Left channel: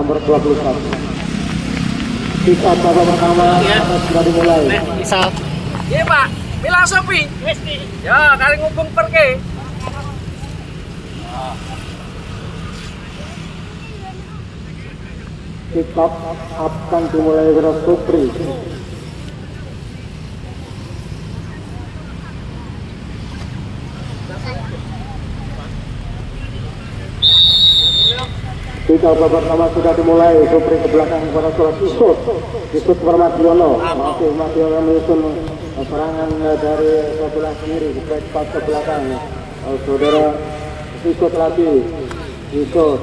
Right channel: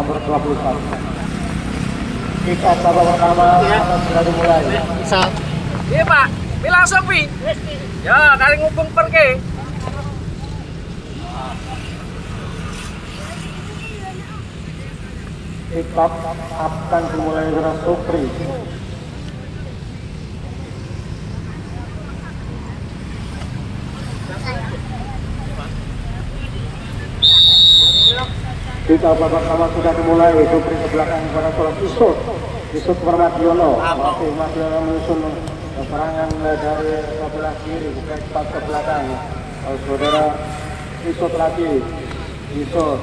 nomor 21. Kita coba pertama sudah dimulai. Bisa. Iya Pak, ini langsung pi. Ya, kali ngubung perke. Kita akan dimulai dengan Supri. Kita pertama sudah dimulai. Supri ke belakang karena sudah Yusuf Ramadiono masih menyusun serangan dari sebelah kiri kita ke belakang. Saudara Yusuf lagi Yusuf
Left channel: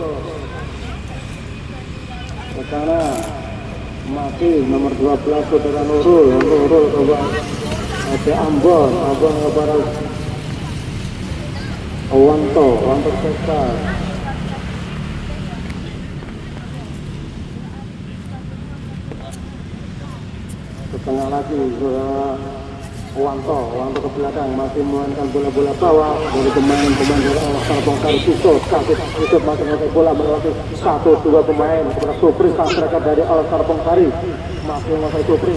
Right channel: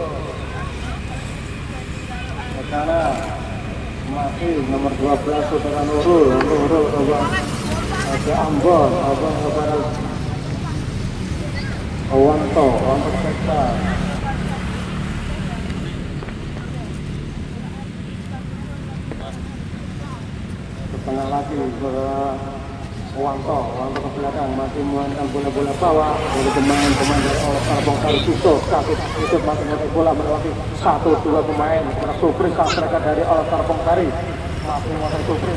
ke kanan masih nomor 12 saudara Nurul ada Ambon ada saudara Wanto Pesta. Sekali lagi Wangko ke belakang masih melakukan bola-bola bawah dari pemain-pemain dari awal bongkar itu masih melakukan bola melewati 1-2 pemain setelah Supri sang mereka dari awal bongkari masih melakukan Supri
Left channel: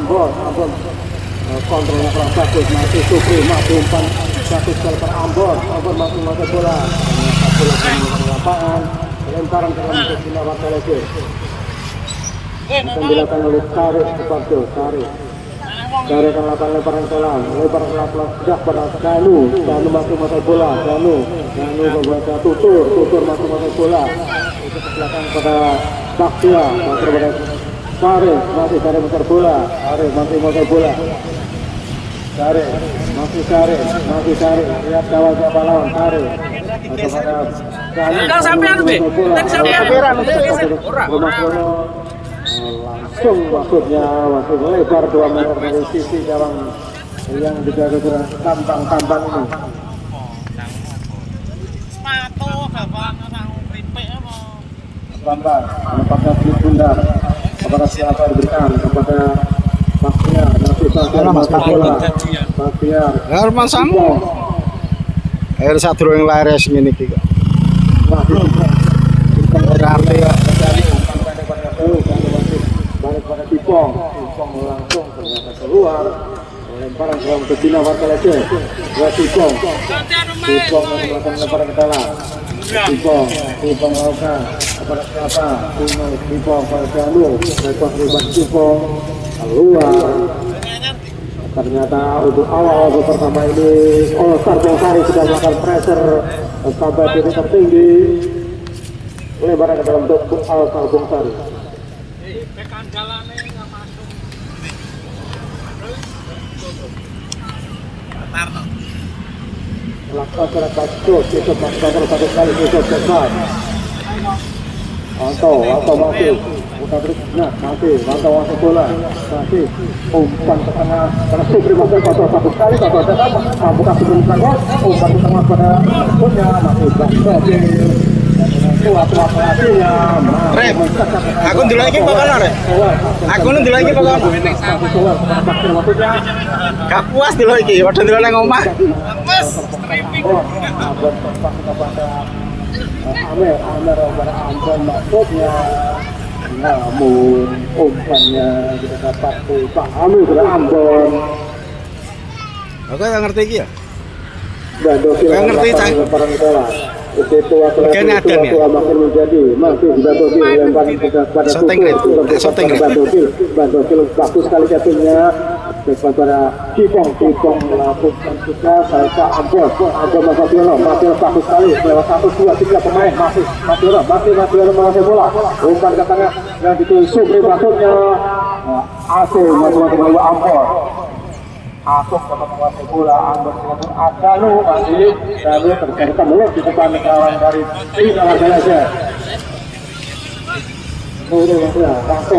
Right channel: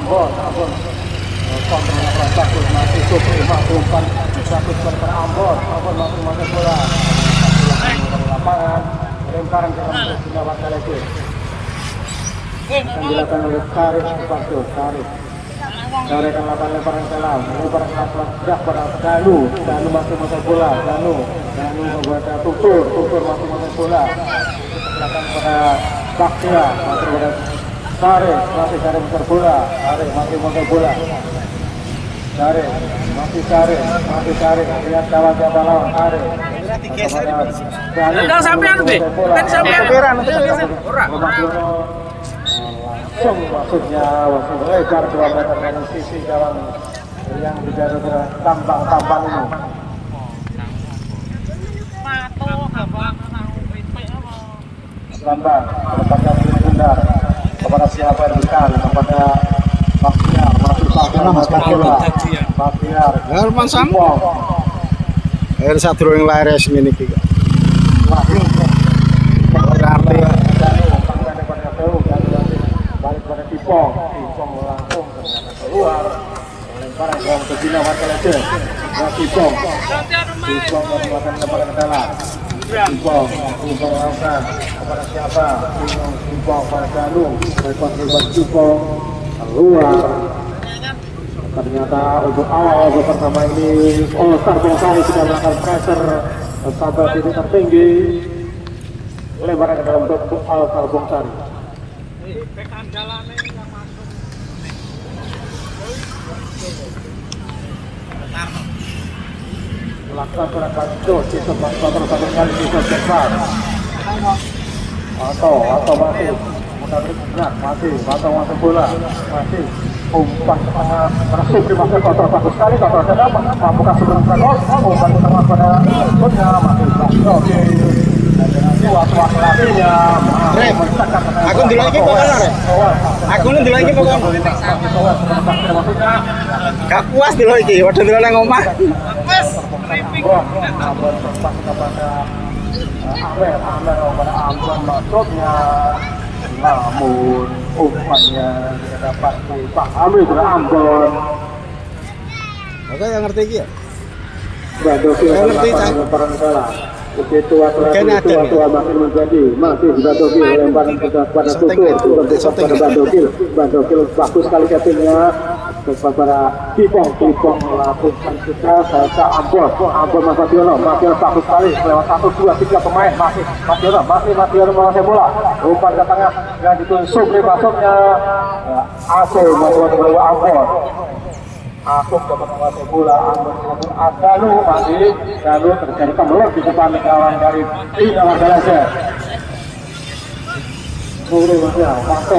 Ambon kontra melakukan sakit masih Supri masih umpan sakit ke Ambon masih melakukan bola lapangan lemparan ke lawan Telejo yang dilakukan oleh Karis Karis akan lemparan salam lemparan sudah Danu masih memakai bola Danu membuat tutur masih memakai bola kepada Baktia kepada Karis masih memakai bola Karis masih memakai bola Karis lihat kawan Karis Udah sampean be. Tadi sampean. Ora. Maksudnya lebar 2 meter dari sisi kawan yang dijaga dengan tampang ini. Lambat, lepasnya bunda kepada siapa yang diberikan kepada Baktiar, masih Baktiar. Herman Sampo. Air satu yang laris ini juga. Berarti Tipong langsung keluar lemparan gong ke Cina Warkalese Tipong melakukan lemparan ke dalam Tipong langsung kepada siapa Tipong pada Jalu besok ribat Tipong keluar ternyata untuk awal pertama ini All-Star Bongkari sudah melakukan pressure sampai titik tertinggi lemparan ke dalam untuk All-Star Bongkari. Masyarakat terus itu pada kali itu besar. Atau masih masih bola masih umpan ke tengah karena Supri masih kotor bagus sekali kotor bukan sebelum umpan ke tengah pada punya masih bagus. aku ndelok iki pokoknya aku ndelok iki pokoknya gak puas ndelok iki padha ndelok nang omah Amer Ambon maksudnya namun umpannya tidak dapat dipahami oleh Ambon. aku gak ngerti iki ya Badoki lemparan bola. Begitu tua makin menjadi masih Badoki lemparan pada tutur Badoki bagus sekali jatuhnya kepada Kipong melakukan juga saya ke Ambon Masih bagus sekali lewat 1-2-3 pemain masih menguasai bola umpan ke tengah yang dituju Supri masuknya Asung masuk Ambon Asuk dapat menguasai bola Ambon Danu masih Danu terjadi kemelut di depan kawan dari Cina Warkalese. Mulai ya, Waktu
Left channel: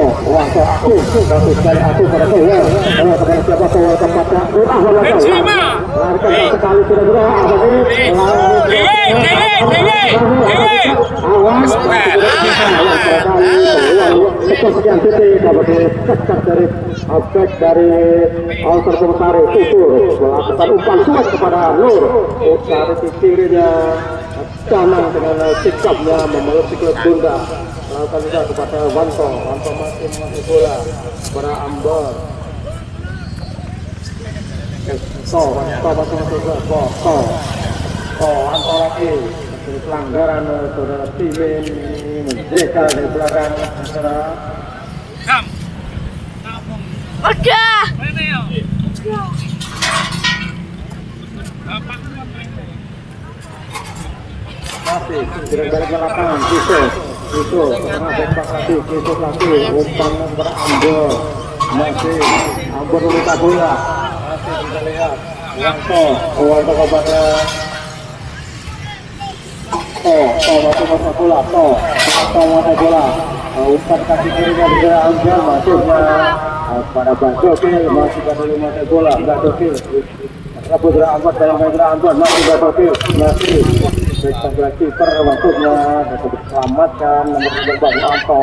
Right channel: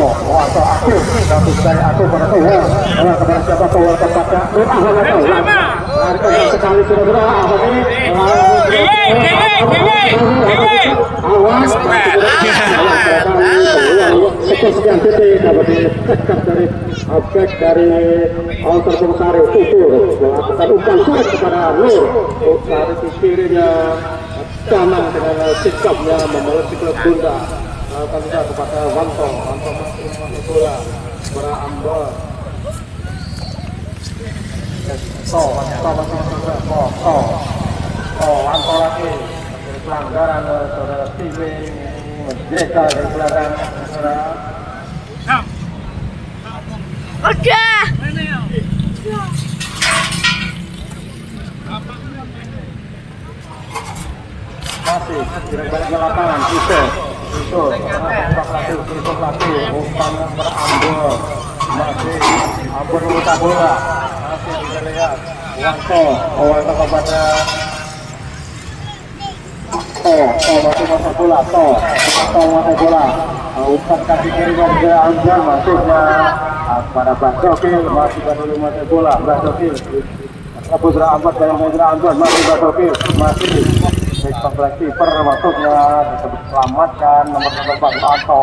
bagus sekali aku pada kepada siapa tempatnya sekali sudah berapa ini sekian titik dapat dari objek dari All-Star Bongkari tutur melakukan umpan surat kepada Nur dari kirinya Canang dengan sikapnya membawa sikap tunda. Kali ini kepada Wanto masih bola Ambon. Pada Wanto lagi pelanggaran saudara Steven menjeka dari belakang Udah. masih dari balik lapangan Kiso lagi umpan yang berambon masih Ambon minta bola masih kita lihat Wanto kepada masih masa bola bola umpan kaki kiri dari Ambon masuknya pada Basokil masih pada masa bola Basokil Putra Ambon dalam Ambon masih Basokil masih baik kiper masuknya diselamatkan nomor 4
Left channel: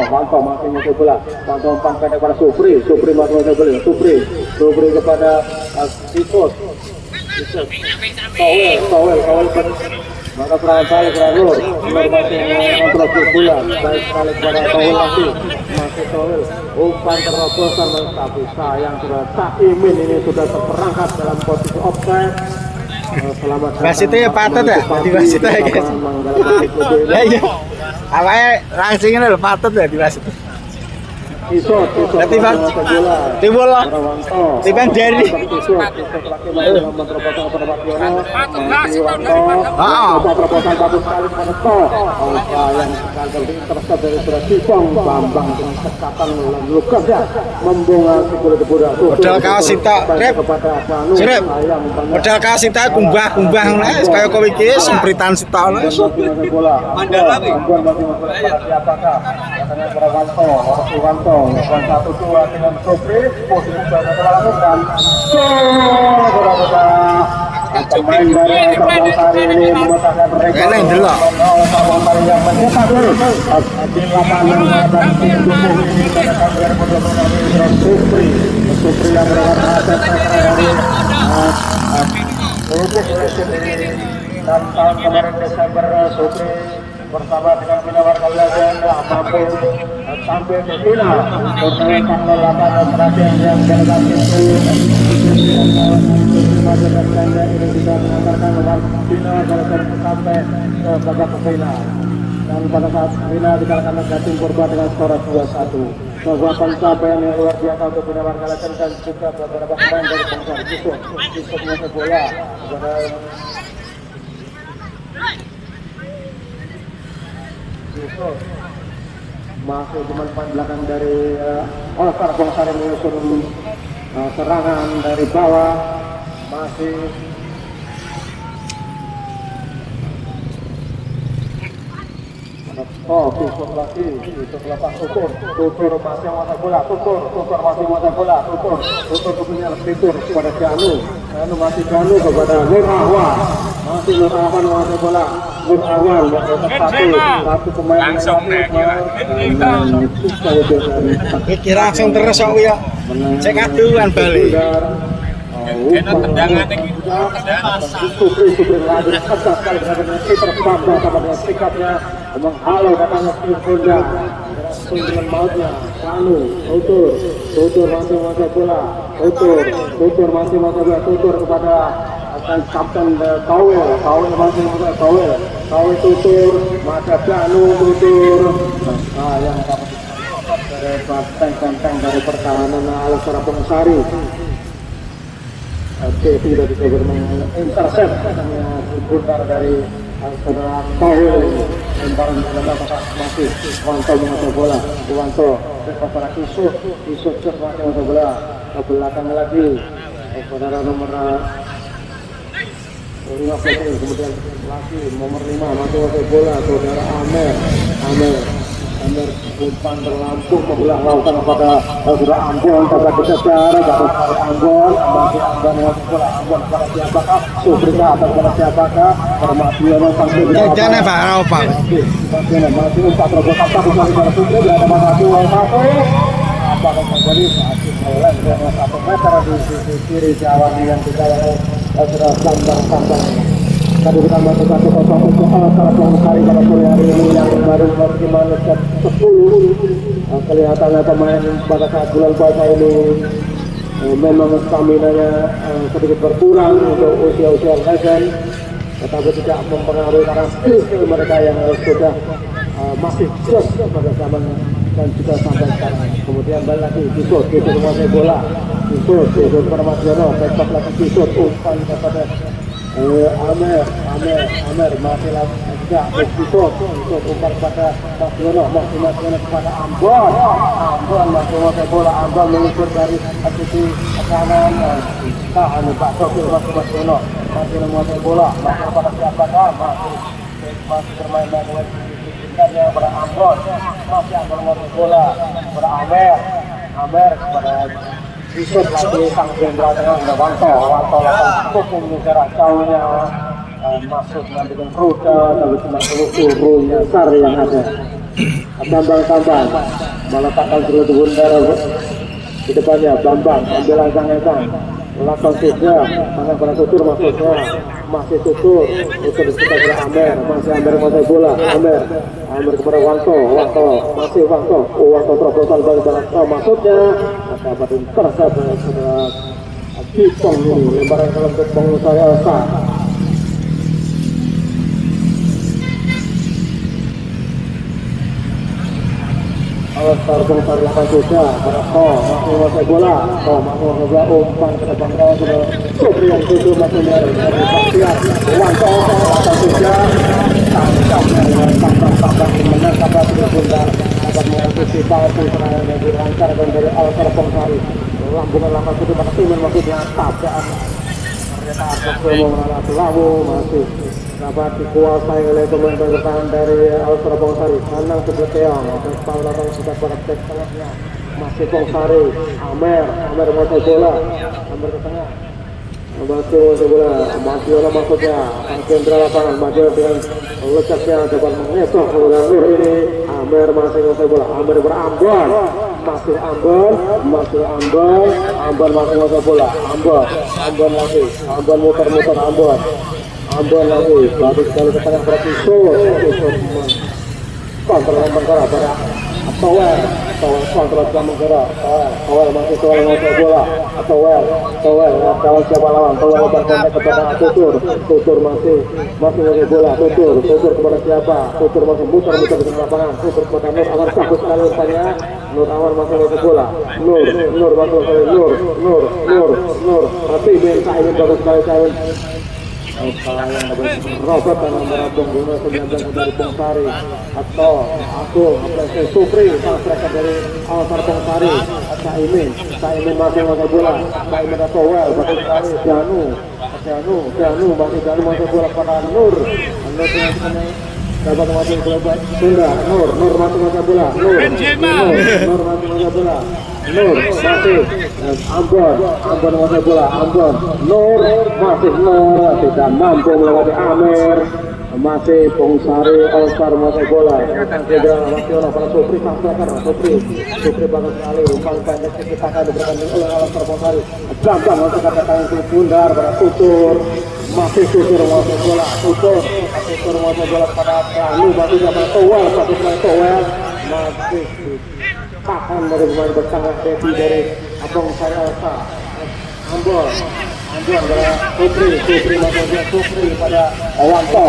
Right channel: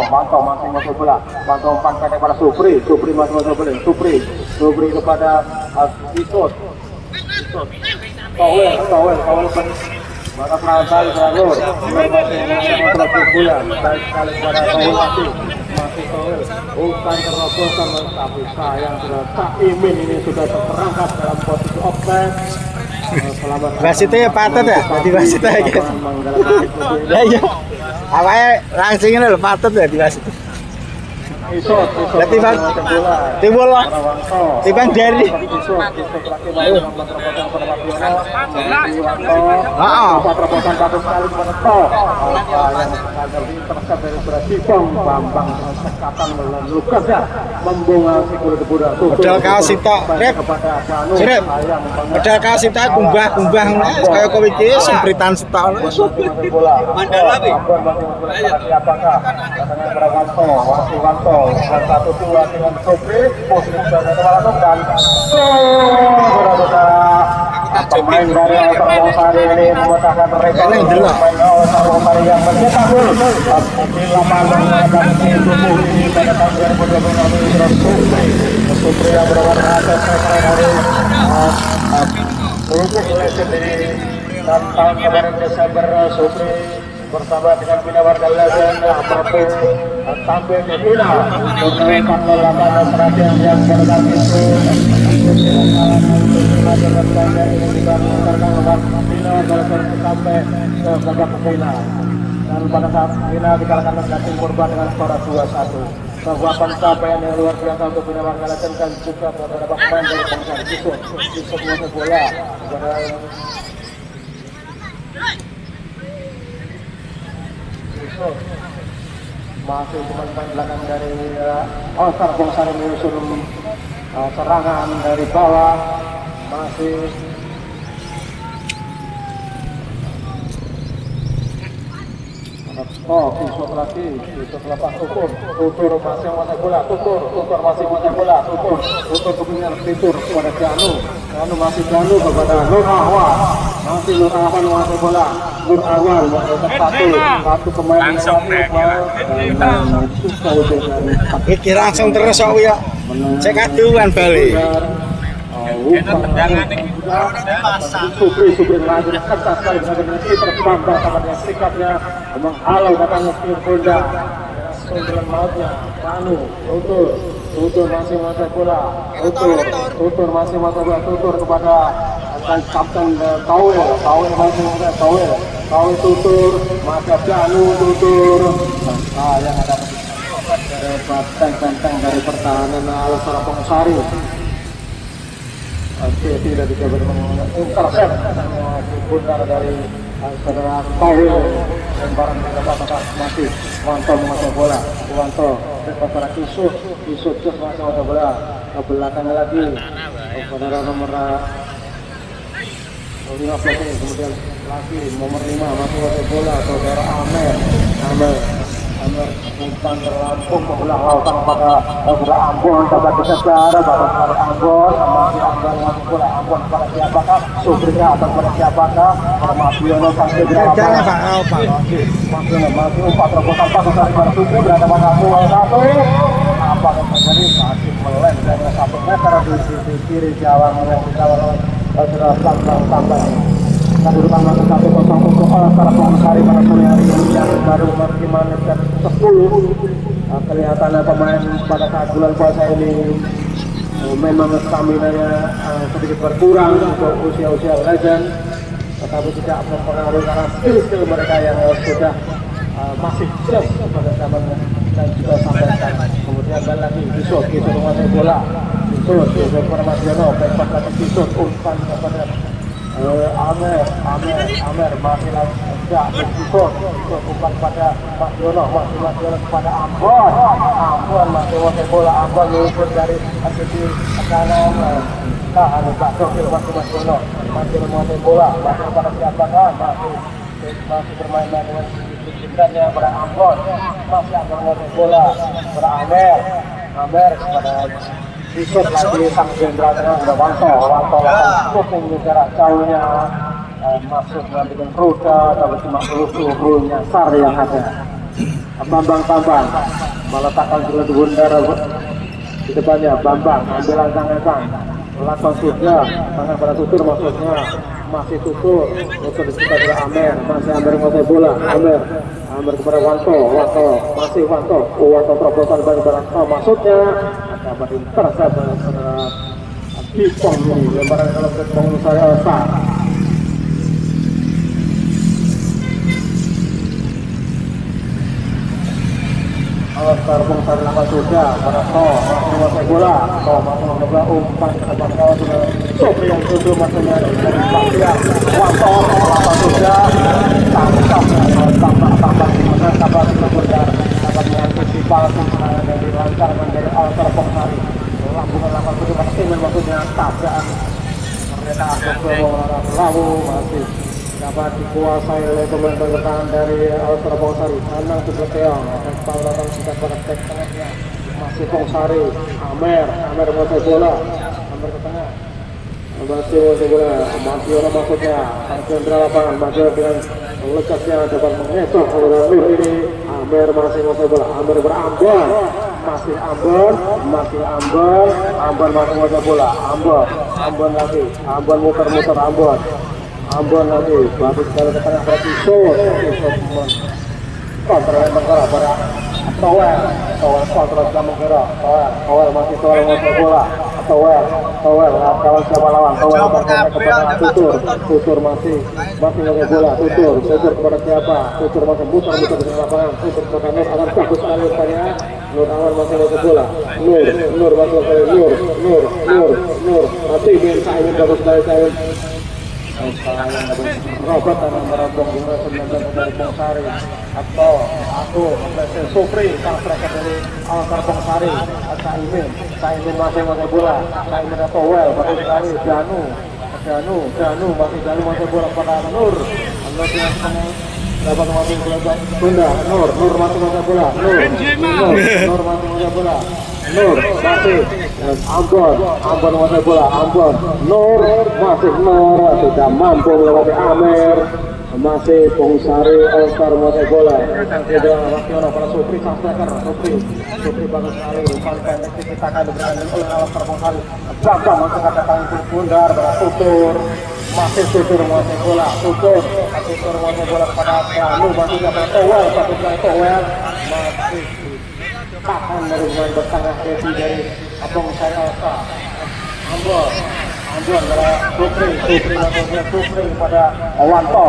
Wanto masih masuk bola Wanto umpan pendek pada Supri masih masuk bola Supri kepada Kisos Towel maka perasaan Lur masih bola baik sekali kepada masih Towel umpan terobosan tapi sayang sudah Caimin ini sudah terperangkap dalam posisi offside. Wasitnya patut ya, jadi wasitnya guys. Ya iya, awalnya langsung ini patut ya di wasit. Berarti bang, timbul loh, timbang dari. Modal kaos kita, rep, modal kaos kita kumbah, kayak kowe iki sempritan setahun. Mandal lagi. Wanto 1-2 dengan Supri posisi dilakukan pemain dari Altar ini memecahkan rekor Altar yang mencetak gol di lapangan dan Supri yang berwarna dan tahun kemarin Desember Supri bersama dengan Binawan Kalawang sampai ke final memenangkan lapangan terakhir yang berlaku itu sampai ke babak final dan pada saat final dikalahkan oleh tim Purba dengan skor 2-1 bahwa pencapaian yang luar biasa untuk Binawan Kalawang dan juga beberapa pemain dari bangsa Yusuf masuk bola masih dimainkan belakang dari Altar Bongsar menyusun serangan dari bawah masih besok lagi lepas Tukur masih ada bola Tukur masih ada bola Tukur kemudian Titur kepada Janu masih Janu kepada Nur Ahwan masih Nur Ahwan ada bola Nur Ahwan satu pemain langsung Pikir langsung terus aku ya. Cek aduan balik. tendangan menghalau katanya Firda dengan mautnya Panu Tutur masih masuk bola Tutur masih masuk bola Tutur kepada Kapten Towel masih masuk Towel Tutur masa Janu Tutur yang ada dari banteng dari pertahanan Alsara Pongsari tidak bisa bermain intercept dari saudara Towel lemparan masih Wanto masuk bola Wanto kepada Yusuf masuk bola ke belakang lagi saudara nomor 15 kemudian lagi nomor 5 masuk bola saudara Amer bukan terlampung membelah lautan kepada saudara Ambon dapat dikejar baru Ambon masuk bola Ambon kepada siapakah Subrika atau kepada siapakah Permadiono sampai di masih umpat terobosan satu kali pada Supri berada pada satu apa yang terjadi saat meleng dengan 1 meter di sisi kiri gawang yang dikawal oleh saudara Bambang kedudukan masih 1-0 untuk para Pongsari pada sore hari ini yang baru di menit ke-10. Kelihatannya pemain pada saat bulan puasa ini memang stamina-nya sedikit berkurang untuk usia-usia legend, tetapi tidak mempengaruhi karena skill mereka yang sudah masih fresh pada zaman dan juga sampai sekarang. Kemudian balik lagi Kisut menguasai bola, Kisut kepada Martiono, back lagi Kisut, umpan kepada Amer masih juga Kisut umpan kepada Martiono, Martiono kepada Ambon masih menguasai bola, Ambon mengikut dari sisi kanan, tahan Pak Sokil masih Martiono masih menguasai bola, masih pada siapa masih bermain dengan dan yang pada Ambon masih akan menguasai bola pada Amer kepada Kisut lagi sang jenderal dengan Wanto lakukan jarak jauhnya masuk mengambil rute tapi cuma peluru nyasar yang ada. Bambang meletakkan seluruh bundar di depannya. Bambang ambil langkah lakukan sudah tangan pada tutur maksudnya masih tutur itu di sekitar Amer masih Amer menguasai bola. Amer kepada Wanto masih Wanto terobosan balik maksudnya dapat terasa pada Kipong ini lemparan dalam Kipong saya Elsa. Alstar Pongsari lakukan juga pada masih menguasai bola. Masih umpan ke depan sudah Sopri yang tutup masih dari Wanto lakukan juga tangkap di mana sahabat sudah bundar dapat mengantisipasi serangan dari lancarkan dari Alstar Pongsari yang dengan langkah itu ingin dengan tajaan ternyata lalu masih dapat dikuasai oleh pemain bertahan dari Alstar Pongsari. Kanang ke Teong Pahlawan sudah beraktif tengahnya masih Pongsari. Amer menguasai bola, Amer ke tengah masih bola, Martiono maksudnya jenderal lapangan maju dengan lekatnya dapat mengetuk ini. Amer masih menguasai bola, Amer berambon masih Ambon masih menguasai bola. Ambon lagi, Ambon muter Ambon lagi, bagus sekali ke tengah berarti kontra Menggara pada Towel kontra Menggara. Towel masih menguasai bola. Towel kawan siapa lawan? Towel berkontak kepada Tutur masih menguasai bola. Tutur kepada siapa? Tutur masih bukan di lapangan. Tutur kepada Nur akan bagus sekali tanya. Nur awal masih menguasai bola. Nur masih menguasai Nur. Tapi Ben Sain bagus sekali Robert dengan merabung guna 19 dari Pongsari atau aku Sopri mereka dari Alstar Pongsari. Saimin masih menguasai bola. Saimin atau Towel bagus sekali. Danu masih bola pada Nur yang dapat menguasai bola Sunda. Nur masih menguasai bola. Nur masih menguasai bola. Nur masih Ambon menguasai bola. Nur tidak mampu melewati Amer. Masih Pongsari Alstar menguasai bola. Jenderal Martiono pada Sopri Sopri bagus sekali. Pendek kita akan diberikan oleh Alstar Pongsari. Bambang untuk kata tangan ke bundar pada Tutur. Masih Tutur menguasai bola. Tutur menguasai bola pada Anu dan juga Towel masih tahan dari pemain bersangat Devi dari Pongsari Alstar. Ambon adalah Sopri pada Wanto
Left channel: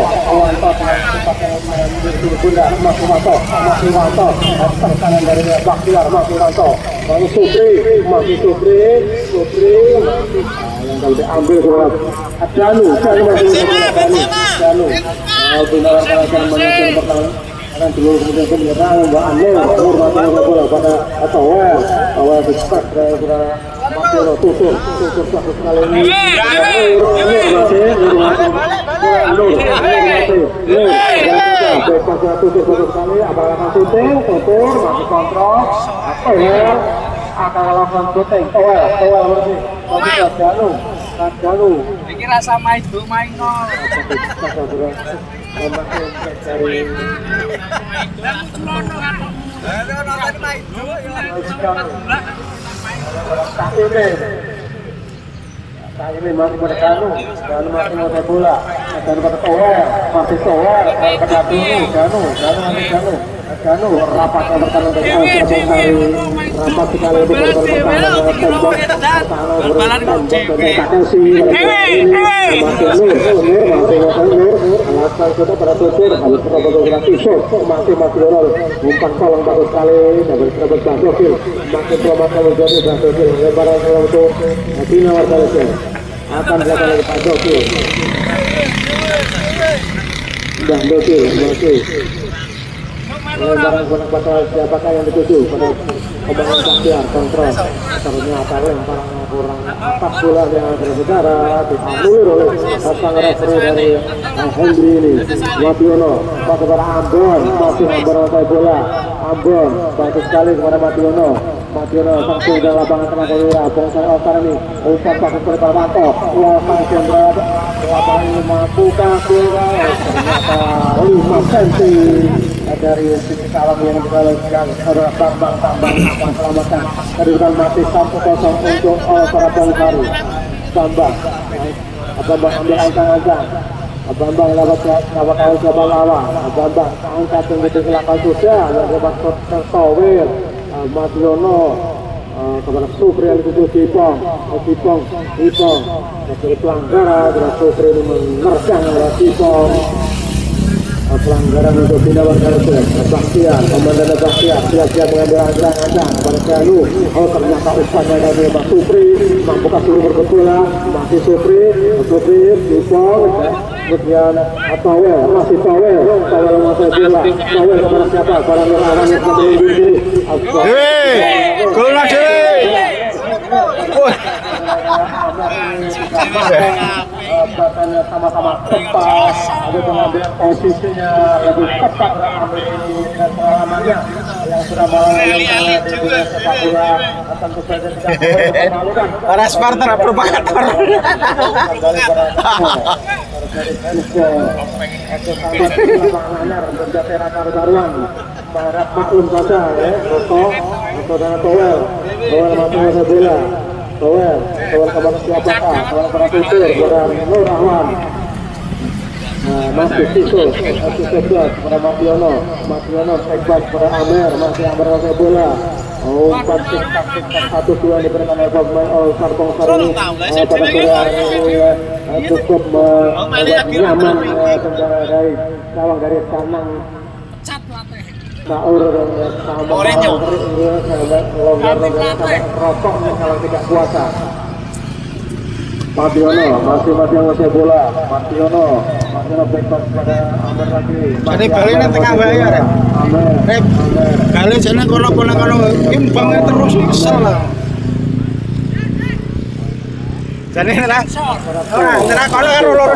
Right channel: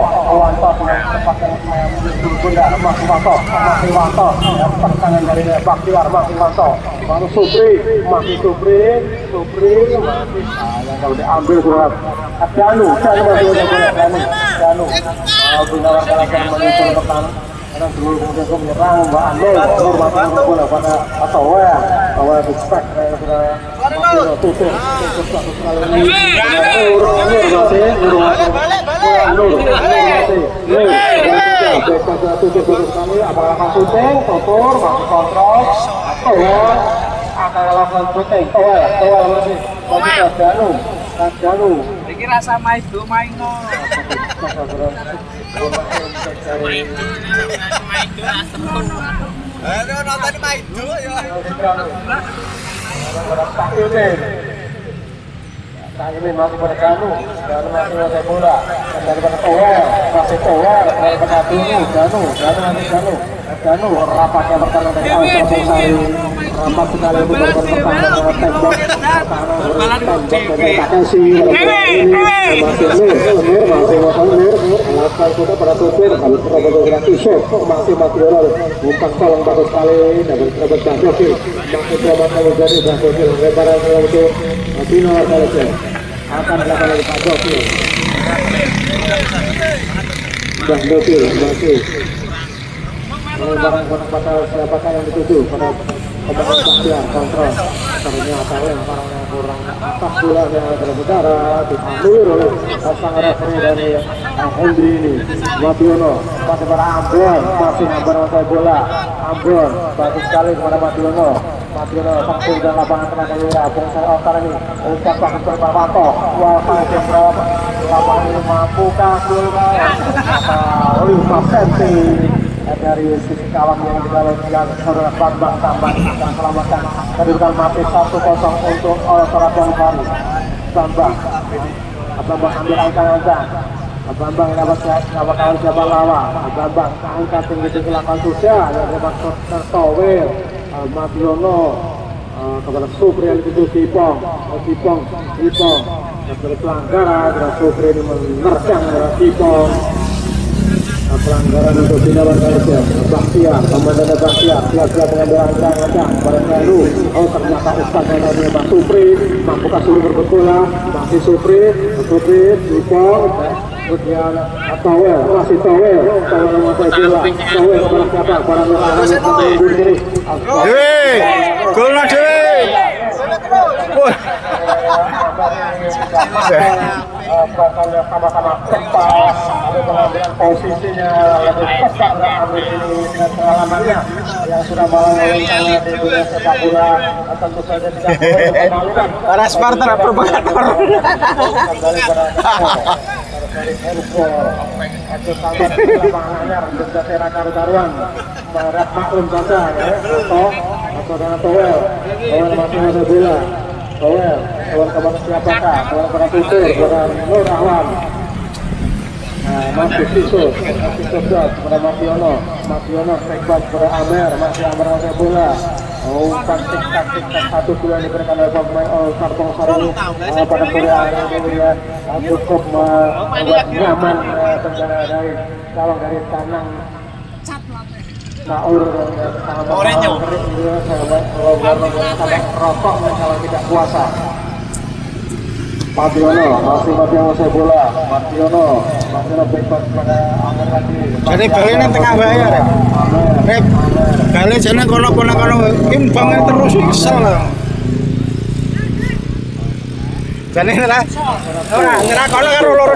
tempat yang menjadi bundar masih Wanto terkangan dari Baktiar masih Wanto lalu Sopri yang kalau diambil surat Danu benar karena menyusul pertahanan akan dulu kemudian menyerang Mbak Nur masih bola pada Towel respect sudah Tutur Iki rasa main no. ini masih pada Kanu dan masih ada bola dan pada Tower masih Tower kena biru Kanu rapat yang pertama dari rapat sekali di korban pertama tembak tak kasih masih Nur akan kita pada tutur harus kita bergerak isok masih umpan kalong bagus sekali dan berkerabat Bangkokil masih kerabat kalau jadi Bangkokil lebaran untuk Bina Arkalis akan dilakukan oleh Bangkokil lebaran kata siapakah yang dituju pada kebanyakan dia kontrol ternyata lempar kurang 4 bola yang berbicara diambil oleh pasang referee dari Hendri ini Wabiono pada Ambon masih memberapa bola Ambon bagus sekali kepada Mabiono langsung dalam lapangan tengah daerah dan saat ini umpan bagus dari Parwanto lapangan jenderal lapangan ini mampukah bola ternyata 5 cm dari sisi kawan yang saudara Bambang akan selamatkan kedudukan masih 1-0 untuk Surabaya baru. Bambang ambil angka-angka Bambang dapat Jabalawang Bambang angka tinggi di belakang susah yang dapat Tertowir Mabiono kepada Supri yang dituju Kipong dari pelanggaran dan Supri ini menerjang dari Kipong pelanggaran untuk Bina Arkalis Baktiar, komandan Baktiar siap-siap mengambil angka-angka pada Kanu ternyata Ustaz dari Pak Supri mampukah Supri berbola masih Supri Kipong kemudian masih Towel kepada siapa barang yang diri gol lagi belakangnya sama-sama tepat ada pengambilan posisinya lebih tepat dan pengalamannya yang sudah mau di dunia sepak bola tentu saja tidak orang Spartan propagator kawan siapakah kawan tutur kepada Nur Rahman masih Tiso kepada Mabiono sekbat kepada Amer masih Amer pakai bola umpan satu bulan diberikan oleh pemain Kartong Saruni pada Korea cukup membuat nyaman tenggara dari calon dari kanan Saur rokok kalau tidak puasa. Mabiono masih saya bola. Mabiono backup pada Amer lagi. Jadi balik tengah bahaya. Balik sana kono imbang terus kesel. Jadi ora kalau loro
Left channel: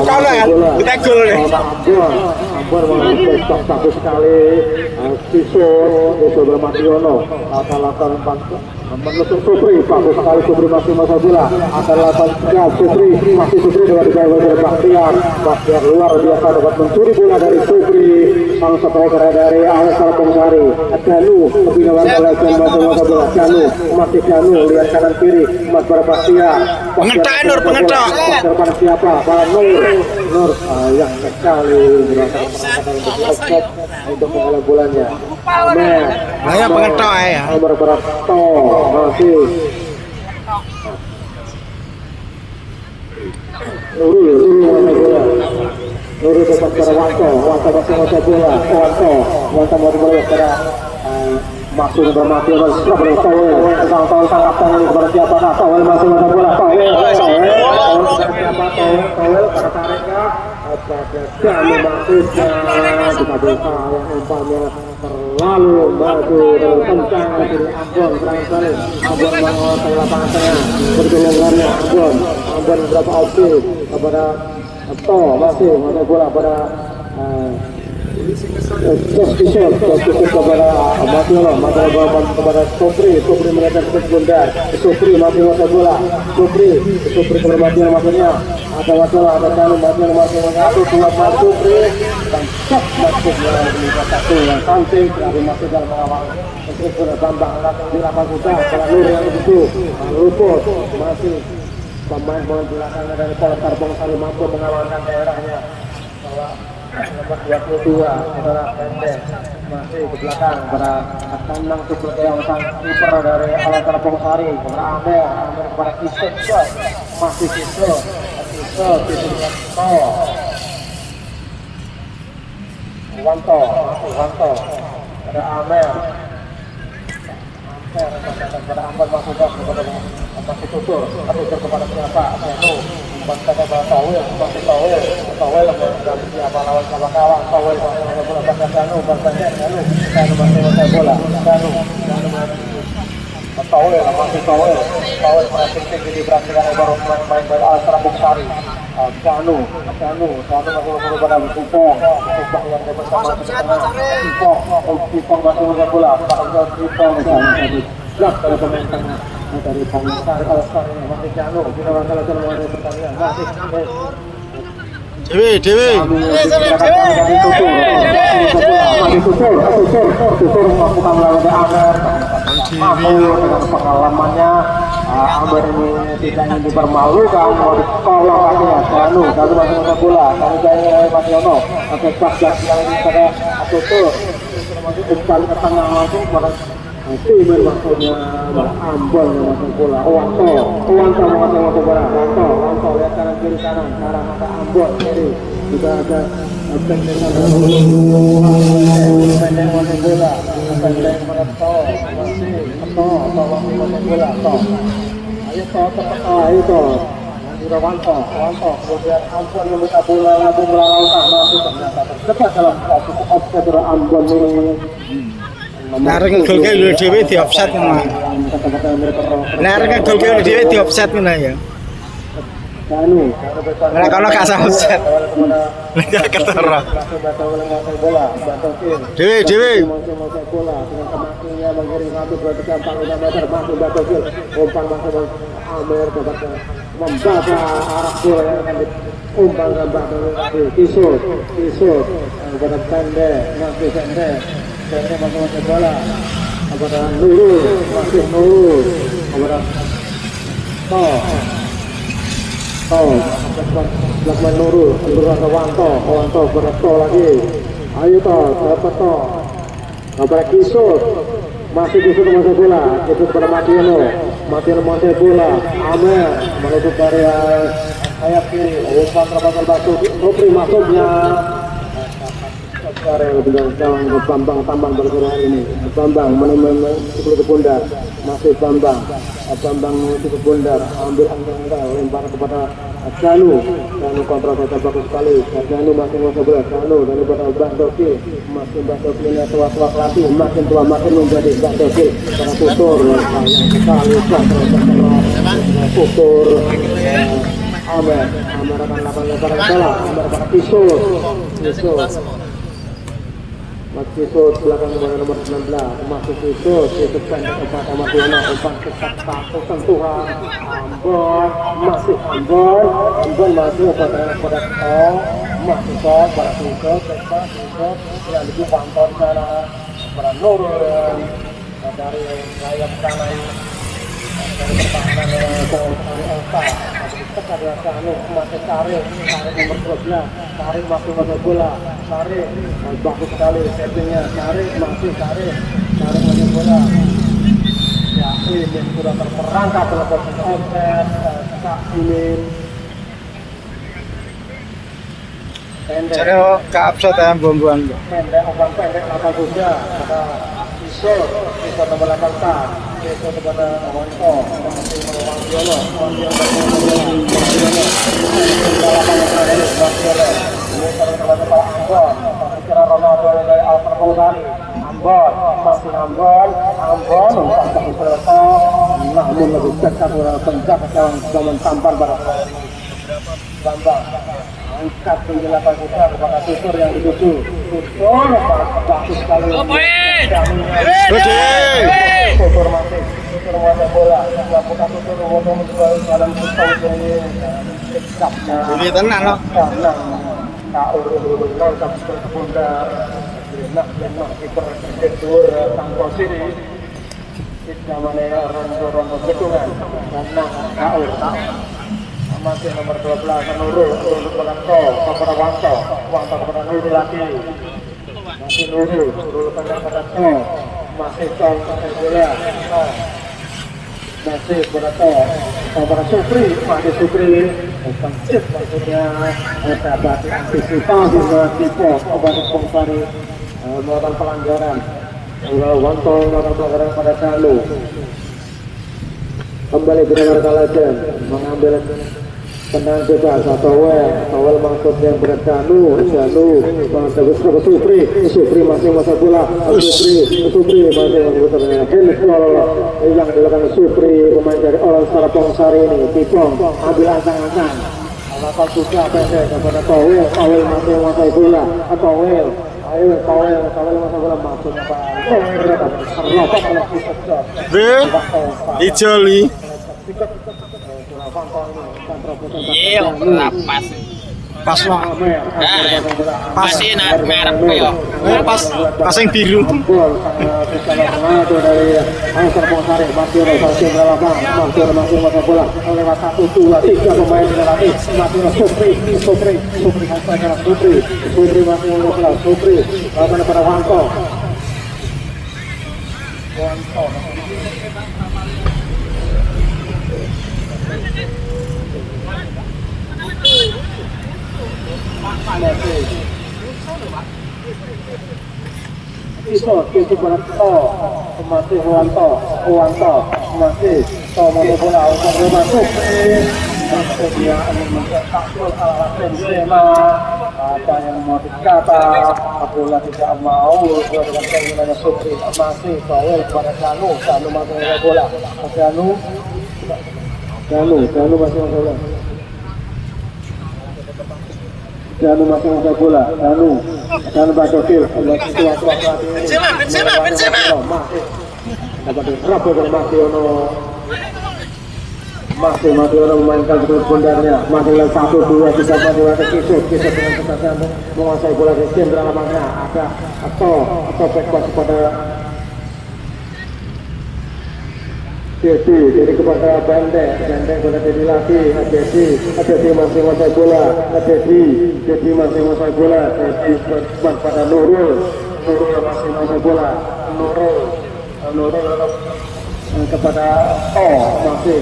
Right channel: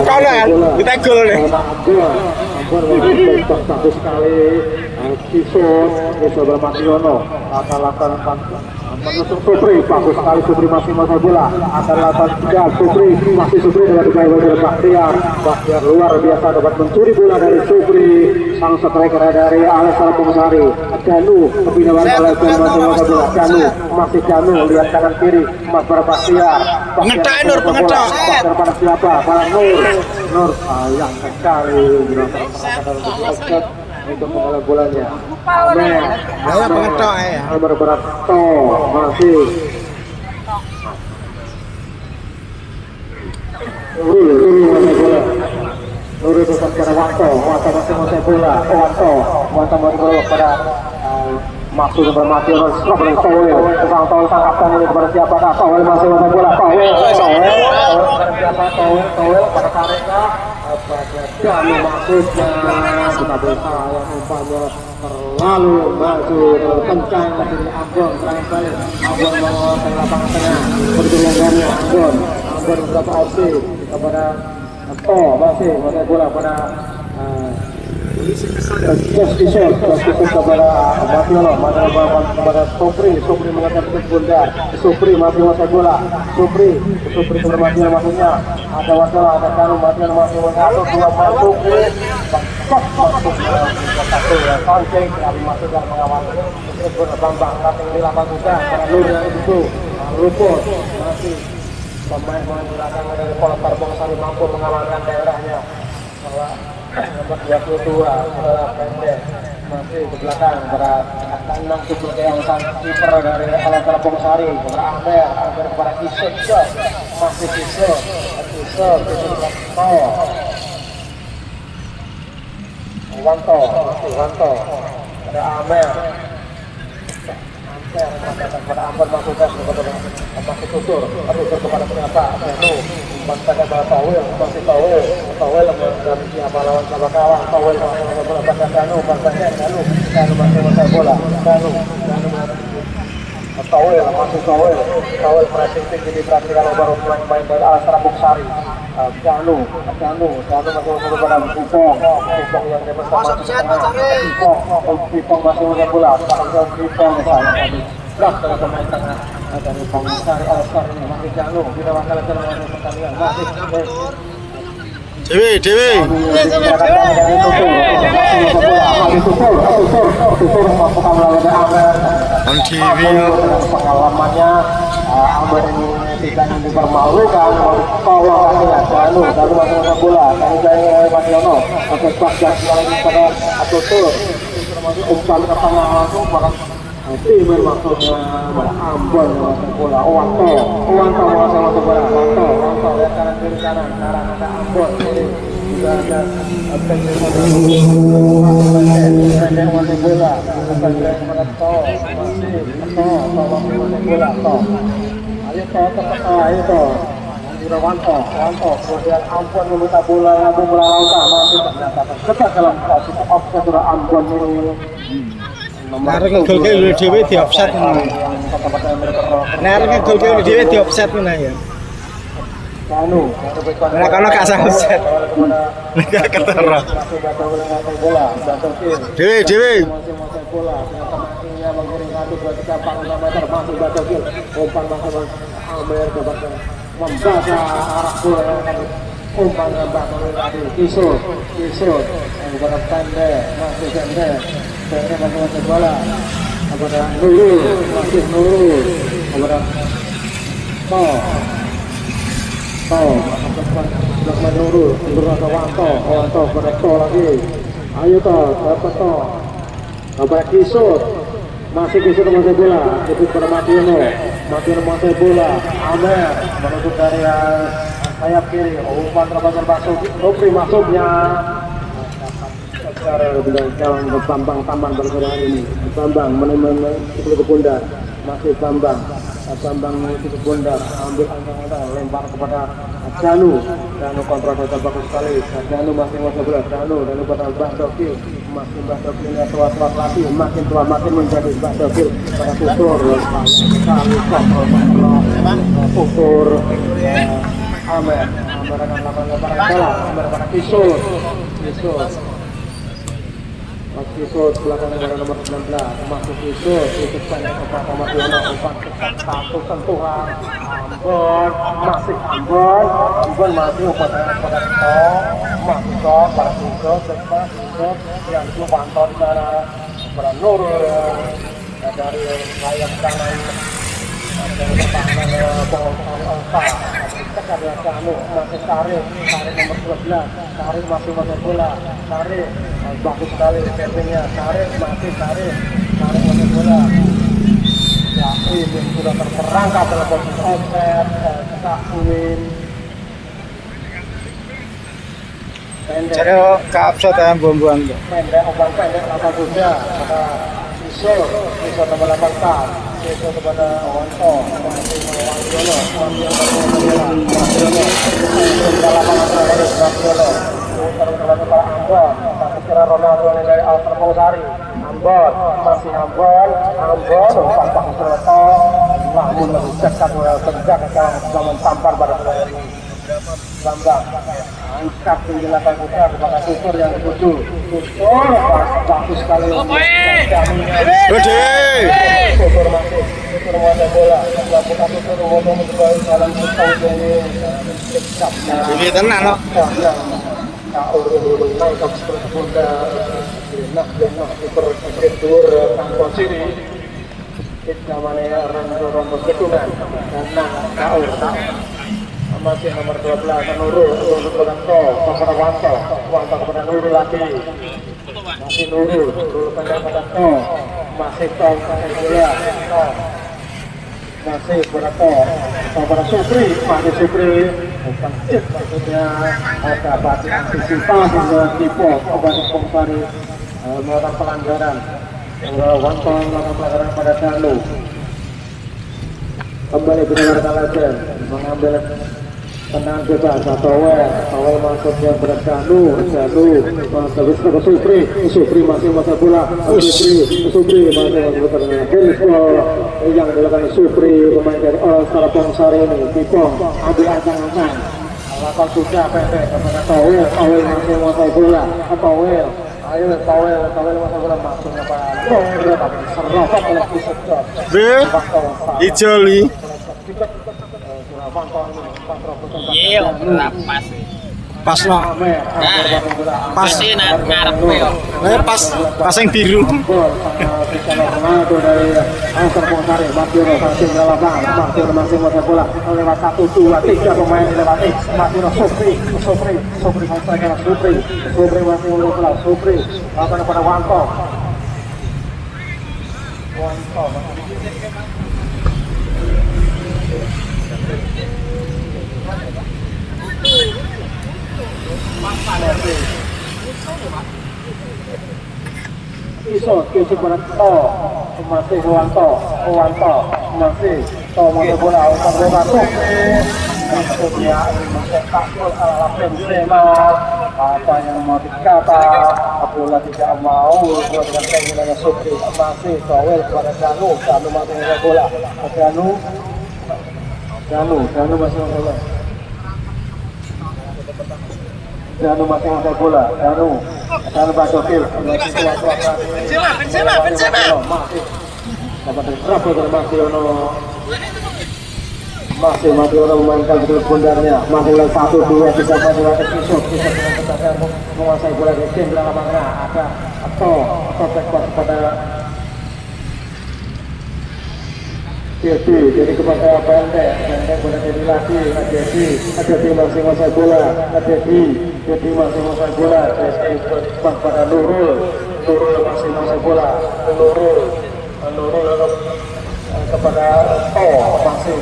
kita gol. Bagus sekali Kiso Mabiono akan lakukan menusuk Supri bagus sekali Supri masih bola akan lakukan Supri dengan dibawa Baktiar luar biasa dapat mencuri bola dari Supri sang striker dari Alessandro Pungsari Kanu kebinaan oleh masih bola Kanu lihat kanan kiri Mas Baktiar pengetak pada siapa pada Nur sayang sekali untuk mengalah bolanya Amer Berato masih Uri dekat pada Wanto masih bola Wanto mau pada masuk bermati Surabaya Towel tangkapkan ini kepada siapa Towel masih bola Towel pada tariknya kami masuknya kita bisa umpamanya terlalu maju terlalu kencang dan berapa opsi kepada masih bola pada Kisah kepada Mabiono kepada Supri mengatakan bundar Supri masih bola Supri kepada Mabiono maksudnya ada Wasola ada Kanu Mabiono masih satu dua Supri bangkok masuk satu yang sancing dari masuk dalam mengawal terus Bambang di lapangan juga itu masih pemain bola belakang dari Poltar Bongsari mampu mengalahkan daerahnya. 22 adalah pendek masih di belakang pada Tanang Tujuh yang sang kiper dari Poltar Bongsari kepada Amer kepada Kisek masih Kisek Wanto ada Amer kepada Amer masukkan kepada Kukur kepada Penata dan kepada tahu Dewi. Pengalamannya Amber ini tidak dipermalukan, tolong katanya Janu, lalu masuk bola, kami saya Masiono, oke pas yang pada Atutur, termasuk umpan ke tengah langsung pada tim maksudnya Ambon yang masuk bola, Wanto masuk bola, Wanto lihat kanan kiri kanan, arah ke Ambon, jadi juga ada pengen masuk bola, bukan lihat ayo Wanto, kemudian Ambon meminta bola langsung melangkah masuk ternyata tercepat dalam offset Ambon ini. Larang gol-gol dhewe di offset ngono. Larang gol-gol dhewe di offset ngono ya. Ora kono gak usah offset. Nek ketara. Dewe. Membaca arah bola umpan gambar dari Kisut kepada pendek masih pendek masuk bola kepada Nurul kepada belakang Nurul kepada Wanto kepada lagi ayo kepada Kisut masih bola kepada Mationo bola Amer menuju area sayap kiri umpan terbatas batu Kopri masuknya sekarang bilang Bambang bergerak ini Bambang menemukan ke pundak masih Bambang ke pundak ambil angka lempar kepada Janu dan kontra bagus sekali Janu masih ngobrol Janu dan kepada Bahdoki masih Bahdoki ini tua pelatih makin tua makin menjadi Bahdoki pada Tutur Tutur Amer akan Kisut belakang dari nomor 19 masuk Kisut pendek kepada Mationo sentuhan masih Ambon masuk pada masuk pada Kisut yang itu pantau pada Nurul dari layar kanan Tarik masih pada bola tarik bagus sekali settingnya tarik masih bola Yakin yang sudah terperangkap dalam posisi offset Jadi ke offset ya buang-buang tuh. Pendek apa juga ada bisa nomor 8 kepada Wanto Ronaldo dari Alper Bongsari Ambon masih Ambon umpan bagus Reto namun lebih dekat penjaga zaman tampar pada Bambang angkat di belakang kita kepada Tutur yang dituju Tutur bagus sekali Tutur masuk bola Tutur mencoba dalam setahun Ini tenang loh. masih nomor 12 Nurul untuk Bangko pada Bangko pada Nurul lagi masih Nurul pada Bangko masih Tong masih pada pada Supri pada Supri Cip maksudnya dapat antisipasi tipe obat sponsori melakukan pelanggaran melakukan pelanggaran pada lalu kembali benar saja mengambil tenang juga awal masuknya berat Danu masuk ke Supri masih masa bola Supri masih yang dilakukan Supri pemain dari All Star Bangsari ini Kipong Adi Ancang lakukan juga kepada Kowel masih masa bola Kowel B Ijoli Iya, pas. pas lo pas ngarep yo. pas yang biru Iso masih Wanto nanti mau bola untuk masuk dia mencetak gol ala Benzema apa yang mau dikata bola tidak mau dengan penggunaan Supri masih Kowel pada Janu masih bola Janu masih bola Janu masih ada bola Janu Badokil Benzema masih memainkan betul pundarnya masih 1-2 bisa menguasai bola di tim belakangnya ada atau back pada jadi kepada Benteng boleh jadi lagi Jadi masih menguasai bola Jadi masih menguasai bola Jadi pada Nurul masih menguasai bola Nurul kepada masih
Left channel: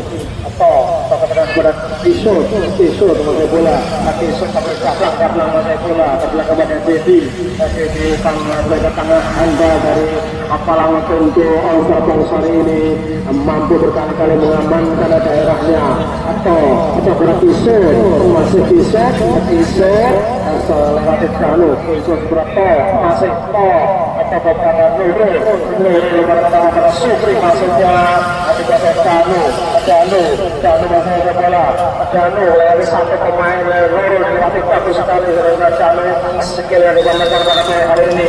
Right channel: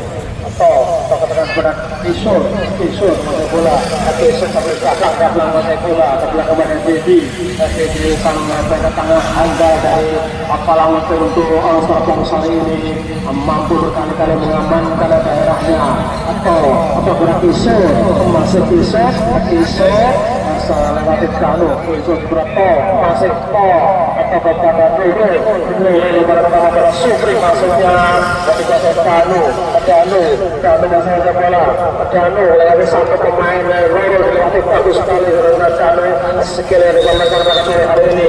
kepada Pisau menguasai bola kepada Dedi sang tengah anda dari apalah untuk All-Star Bangsari ini mampu berkali-kali mengamankan daerahnya atau kepada Pisau masih Pisau selamat Kanu berapa masih kepada kepada Supri maksudnya kepada Kanu masih bola Kanu satu pemain yang bagus sekali sekali hari ini.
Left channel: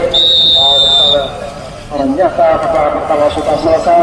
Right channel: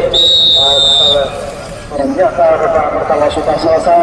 Kalau sudah selesai